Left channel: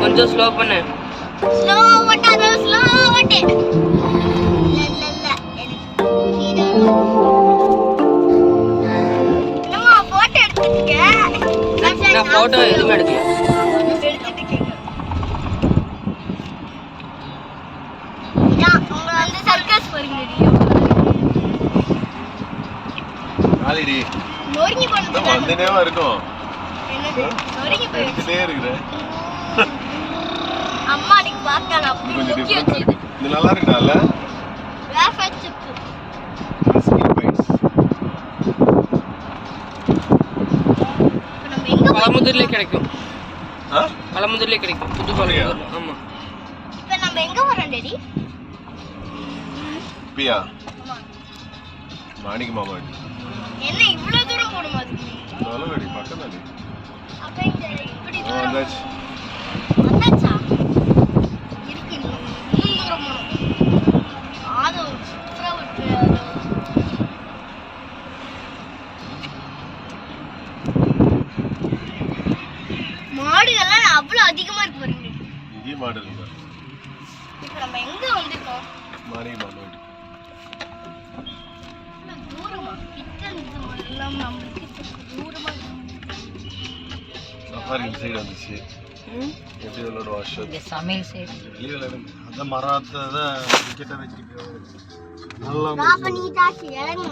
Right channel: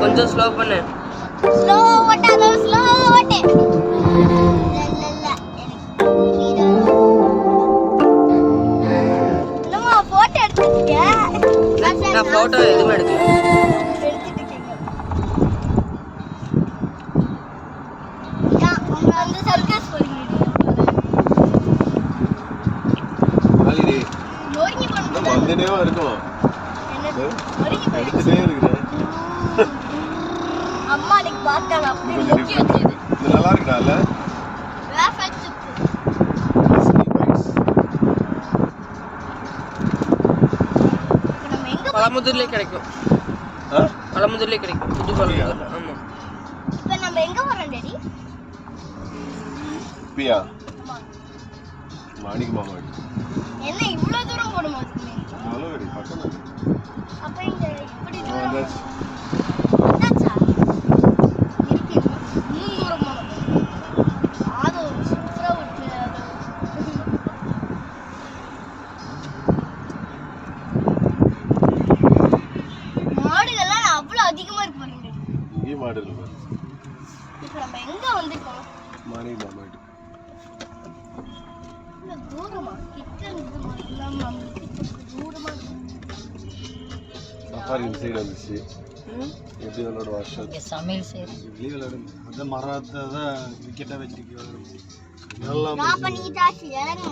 கொஞ்சம் ஸ்லோ பண்ணு. Slow ஓட்டாத, slow ஓட்டு. இல்ல நம்ம போட்டோ எடுத்துட்டீங்க. நான் போட்டோ எதுவும் எடுக்கல. எடுத்துட்டீங்க. உங்க அந்த சர்க்கஸ் போறீங்கடி. ஆலிடி. நோரிங்கி போறது. வந்தனேவா இருக்கும். என்னது? நோரிங்கி போயிடுச்சு. இருக்குடா. அம்மா நீ பாக்கல அப்படி முக்கிய வச்சு. இது நல்லா இருக்குடால. Waffle chip. நம்ம எங்க பழமுதிர்ல கிடைக்கும். பழமுதிர்ல கிடைக்கும். புது பழமுதிர்ல. ஆமா. இப்போ நம்ம எங்க வரோம் டேடி? பியா. ஆமா. மாணிக்க மாமா. என்ன இவ்வளவு தூரம் போற மாதிரி நீ? நல்லவேடி பக்கத்துல. அப்ப இந்த இப்படி தூரம். வந்தாச்சு. வந்தாச்சா? இருக்கு இன்னும் தூரம் போறோம். ஆதோ சூப்பரா இருக்கு. மாடுகள்லாம் அவ்வளவு அதிகமா இருக்கு பாருங்க. இங்க மாடு இருக்கு. இப்போ நம்ம எங்க வந்திருக்கோம்? மாணிக்க மாமா. தூரமா கிட்ட இருந்து எல்லாம் நம்மளுக்கு தூரமா சஃபாரி சைடு வந்துச்சு. எப்படி விளையாட வாஷம் இங்கே சமையல் செய்யுது. வெளியே விளையாடுங்க. அந்த மரத்தை தான் விக்கெட்டாக வச்சுருக்கு. நல்லா பாப்பா நீ தாச்சு இறங்க.